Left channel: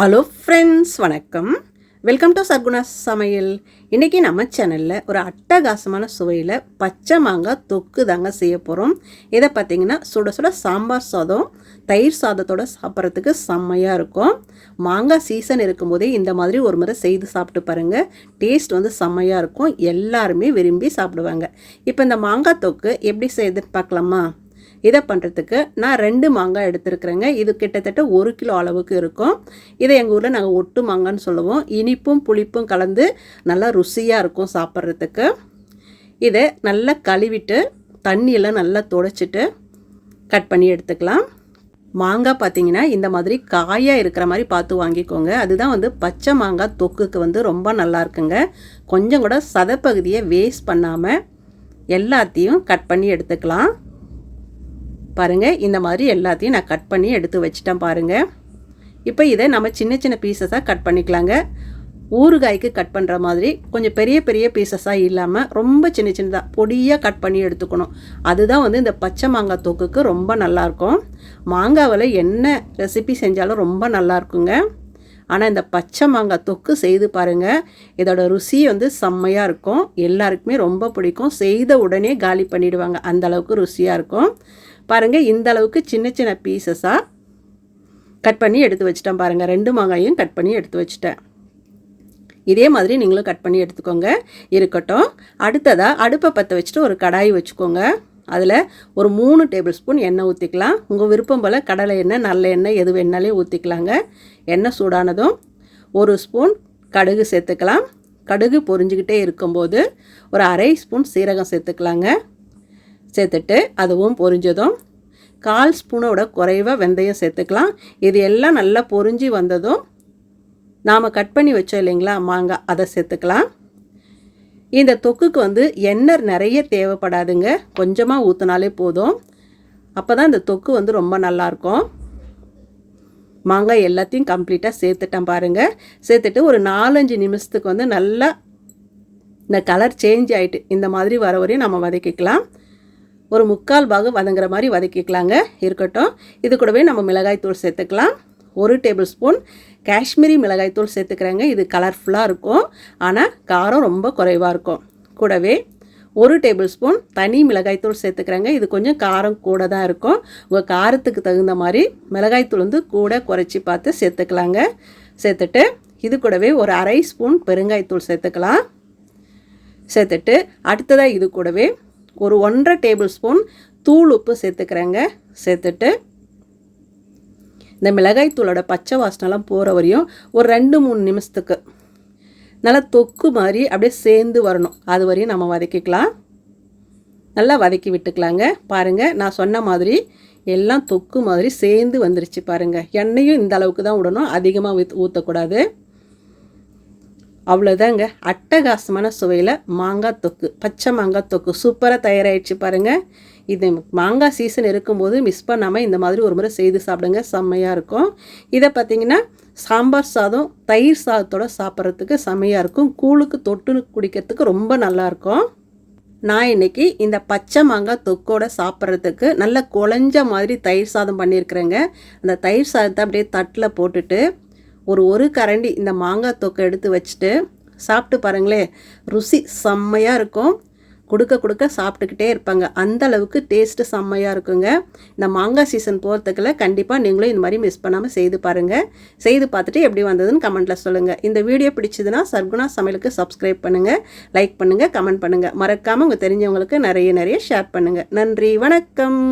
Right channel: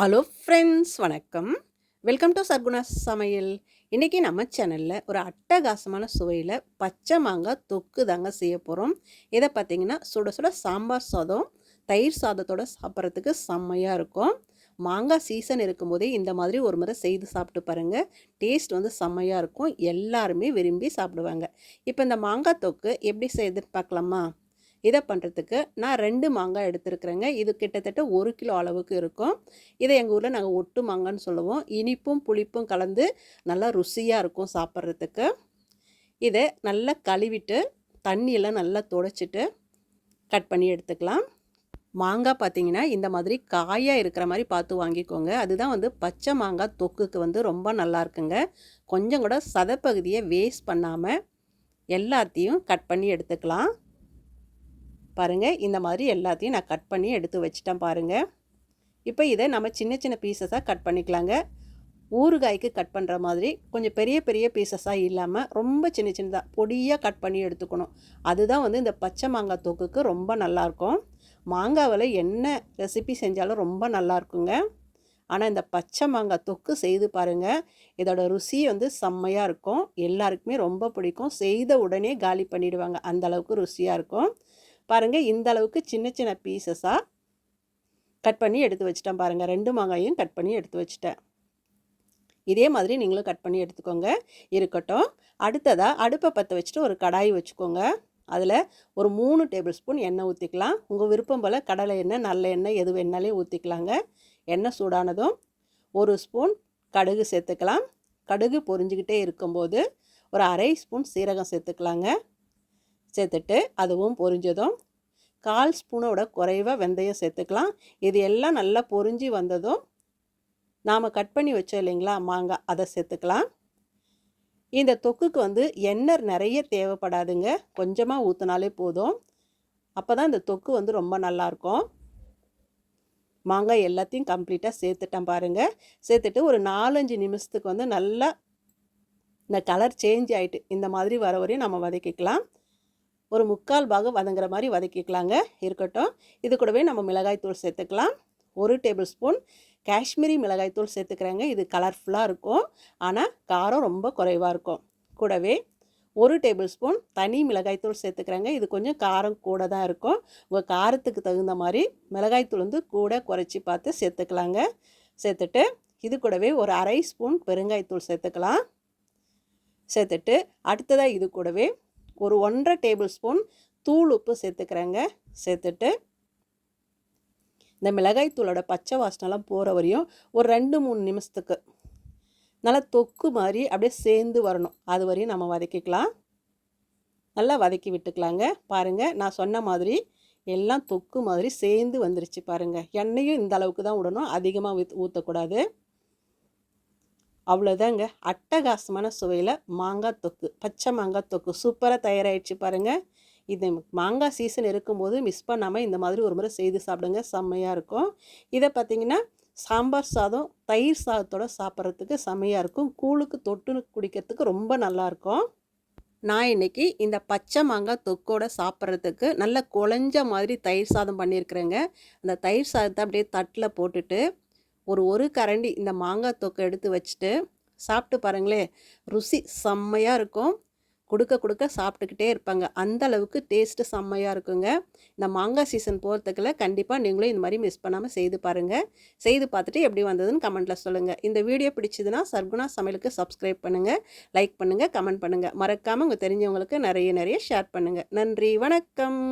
Hello friends, வணக்கம். Welcome to Sarguna சமையல். இன்றைக்கி நம்ம சேனலில் ஒரு அட்டகாசமான சுவையில் பச்சை மாங்காய் தொக்கு தாங்க செய்ய போகிறோம். இதை பார்த்திங்கன்னா சுட சுட சாம்பார் சாதம், தயிர் சாதத்தோடு சாப்பிட்றதுக்கு செம்மையாக இருக்கும். மாங்காய் சீசன் இருக்கும்போதே இந்த மாதிரி ஒரு முறை செய்து சாப்பிட்டு பாருங்கள். டேஸ்ட் வந்து செம்மையாக இருக்கும். எல்லாருமே விரும்பி சாப்பிடுவாங்க. இப்போ இந்த மாங்காய் தொக்கு எப்படி செய்யுதுன்னு பார்க்கலாமா? இதை பண்ணுறதுக்கு நான் 2 மாங்காய் எடுத்துருக்குறேங்க. இது கிட்டத்தட்ட 1 கிலோ அளவுக்கு இருக்கும். இதை எங்கள் ஊரில் நாங்கள் ஒட்டு மாங்கான்னு சொல்லுவோம். இனிப்பும் புளிப்பும் கலந்து நல்லா ருசியாக இருக்கும் சாப்பிட்றதுக்கு. இதை நல்லா கழுவிட்டு தண்ணியெல்லாம் நல்லா துடைச்சிட்டு கட் பண்ணி எடுத்துக்கலாம். மாங்காய் பார்த்திங்கன்னா இந்த மாதிரி காயாக இருக்கிற மாதிரி பார்த்து வாங்கிக்கோங்க. அதுதான் வந்து பச்சை மாங்காய் தொக்குக்கு வந்து ரொம்ப நல்லா இருக்குங்க. கொஞ்சம் கூட சதைப்பகுதியை வேஸ்ட் பண்ணாமல் எல்லாத்தையும் கட் பண்ணி எடுத்துக்கலாம். பாருங்கள், இந்த மாதிரி எல்லாத்தையும் நான் கட் பண்ணி எடுத்து வச்சிட்டேன் பாருங்கள். இப்போ இதை நம்ம சின்ன சின்ன பீசஸாக கட் பண்ணிக்கலாங்க. ஊறுகாய்க்கு கட் பண்ணுற மாதிரி கொஞ்சம் பெரிய பெரிய பீசஸாக இல்லாமல் ரொம்ப சின்ன சின்னதாக பொடியாக கட் பண்ணி எடுத்துக்கணும். அதுதான் வந்து இந்த பச்சை மாங்காய் தொக்குக்கு ரொம்ப நல்லாயிருக்கும். மாங்காவில் என்ன ரெசிபி செஞ்சாலும் ரொம்ப நல்லாயிருக்குங்க. ஆனால் இந்த பச்சை மாங்காய் தொக்கு செய்து பாருங்கள். இதோட ருசி வந்து செம்மையாக இருக்கும். எல்லாருக்குமே ரொம்ப பிடிக்கும். செய்த உடனே காலி பண்ணிவிடுவாங்க, அந்தளவுக்கு ருசியாக இருக்கும். பாருங்கள், இந்த அளவுக்கு சின்ன சின்ன பீசஸாக கட் பண்ணி எடுத்து வச்சிட்டேன் பாருங்கள். 2 மாங்காயும் கட் பண்ணி எடுத்து வச்சிட்டேன். இதே மாதிரி நீங்களும் கட் பண்ணி எடுத்துக்கோங்க. இருக்கட்டும். அடுத்ததாக அடுப்பை பற்ற வச்சுட்டு ஒரு கடாய் வச்சுக்கோங்க. அதில் ஒரு 3 டேபிள் ஸ்பூன் எண்ணெய் ஊற்றிக்கலாம். உங்கள் விருப்பம் போல் கடலை எண்ணெய், நல்ல எண்ணெய் எது வேணாலே ஊற்றிக்கலாங்க. எண்ணெய் சூடானதும் 1 ஸ்பூன் கடுகு சேர்த்துக்கலாம். கடுகு பொரிஞ்சிக்கிட்டே இருக்கும்போது ஒரு 1/2 ஸ்பூன் சீரகம் சேர்த்துக்கலாங்க. சேர்த்துட்டு அதுவும் பொரிஞ்சதும் 1/4 ஸ்பூனோட குறைவாக வெந்தயம் சேர்த்துக்கலாம். இது எல்லாம் நல்லா பொரிஞ்சு வந்ததும் நாம் கட் பண்ணி வச்சோம் இல்லைங்களா மாங்காய், அதை சேர்த்துக்கலாம். இந்த தொக்குக்கு வந்து எண்ணெய் நிறைய தேவைப்படாதுங்க. கொஞ்சமாக ஊற்றினாலே போதும். அப்போ தான் இந்த தொக்கு வந்து ரொம்ப நல்லாயிருக்கும். மாங்காய் எல்லாத்தையும் கம்ப்ளீட்டாக சேர்த்துட்டேன் பாருங்கள். சேர்த்துட்டு ஒரு 4-5 நிமிஷத்துக்கு வந்து நல்லா இந்த கலர் சேஞ்ச் ஆகிட்டு இந்த மாதிரி வர வரையும் நம்ம வதக்கிக்கலாம். ஒரு 3/4 பாகம் வதங்குற மாதிரி வதக்கிக்கலாங்க. இருக்கட்டும். இது கூடவே நம்ம மிளகாய்த்தூள் சேர்த்துக்கலாம். 1 டேபிள் ஸ்பூன் காஷ்மீரி மிளகாய்த்தூள் சேர்த்துக்கிறேங்க. இது கலர்ஃபுல்லாக இருக்கும், ஆனால் காரம் ரொம்ப குறைவாக இருக்கும். கூடவே 1 டேபிள் ஸ்பூன் தனி மிளகாய்த்தூள் சேர்த்துக்கிறேங்க. இது கொஞ்சம் காரம் கூட தான் இருக்கும். உங்கள் காரத்துக்கு தகுந்த மாதிரி மிளகாய்த்தூள் வந்து கூட குறைச்சி பார்த்து சேர்த்துக்கலாங்க. சேர்த்துட்டு இது கூடவே ஒரு 1/2 ஸ்பூன் பெருங்காயத்தூள் சேர்த்துக்கலாம். சேர்த்துட்டு அடுத்ததாக இது கூடவே ஒரு 1/2 டேபிள் ஸ்பூன் தூள் உப்பு சேர்த்துக்கிறேங்க. சேர்த்துட்டு இந்த மிளகாய்த்தூளோட பச்சை வாசனைலாம் போகிற வரையும் ஒரு 2-3 நிமிஷத்துக்கு நல்லா தொக்கு மாதிரி அப்படியே சேர்ந்து வரணும். அது வரையும் நம்ம வதக்கிக்கலாம். நல்லா வதக்கி விட்டுக்கலாங்க. பாருங்கள், நான் சொன்ன மாதிரி எல்லாம் தொக்கு மாதிரி சேர்ந்து வந்துருச்சு பாருங்கள். எண்ணெயும் இந்த அளவுக்கு தான் விடணும், அதிகமாக ஊற்றக்கூடாது. அவ்வளோதாங்க. அட்டகாசமான சுவையில் மாங்காய் தொக்கு, பச்சை மாங்காய் தொக்கு சூப்பராக தயாராகிடுச்சு பாருங்கள். இது மாங்காய் சீசன் இருக்கும்போது மிஸ் பண்ணாமல் இந்த மாதிரி ஒரு முறை செய்து சாப்பிடுங்க. செம்மையாக இருக்கும். இதை பார்த்திங்கன்னா சாம்பார் சாதம், தயிர் சாதத்தோடு சாப்பிட்றதுக்கு செம்மையாக இருக்கும். கூழுக்கு தொட்டு குடிக்கிறதுக்கு ரொம்ப நல்லாயிருக்கும். நான் இன்றைக்கி இந்த பச்சை மாங்காய் தொக்கோடு சாப்பிட்றதுக்கு நல்ல குழஞ்ச மாதிரி தயிர் சாதம் பண்ணியிருக்கிறேங்க. அந்த தயிர் சாதத்தை அப்படியே தட்டில் போட்டுட்டு ஒரு கரண்டி இந்த மாங்காய் தொக்கை எடுத்து வச்சுட்டு சாப்பிட்டு பாருங்களேன். ருசி செம்மையாக இருக்கும். கொடுக்க சாப்பிட்டுக்கிட்டே இருப்பாங்க. அந்த அளவுக்கு டேஸ்ட்டு செம்மையாக இருக்குங்க. இந்த மாங்காய் சீசன் போகிறதுக்குள்ள கண்டிப்பாக நீங்களும் இந்த மாதிரி மிஸ் பண்ணாமல் செய்து பாருங்கள். செய்து பார்த்துட்டு எப்படி வந்ததுன்னு கமெண்ட்டில் சொல்லுங்கள். இந்த வீடியோ பிடிச்சதுன்னா சர்க்குணா சமையலுக்கு சப்ஸ்கிரைப் பண்ணுங்கள், லைக் பண்ணுங்கள், கமெண்ட் பண்ணுங்கள். மறக்காமல் உங்கள் தெரிஞ்சவங்களுக்கு நிறைய ஷேர் பண்ணுங்கள். நன்றி, வணக்கம்.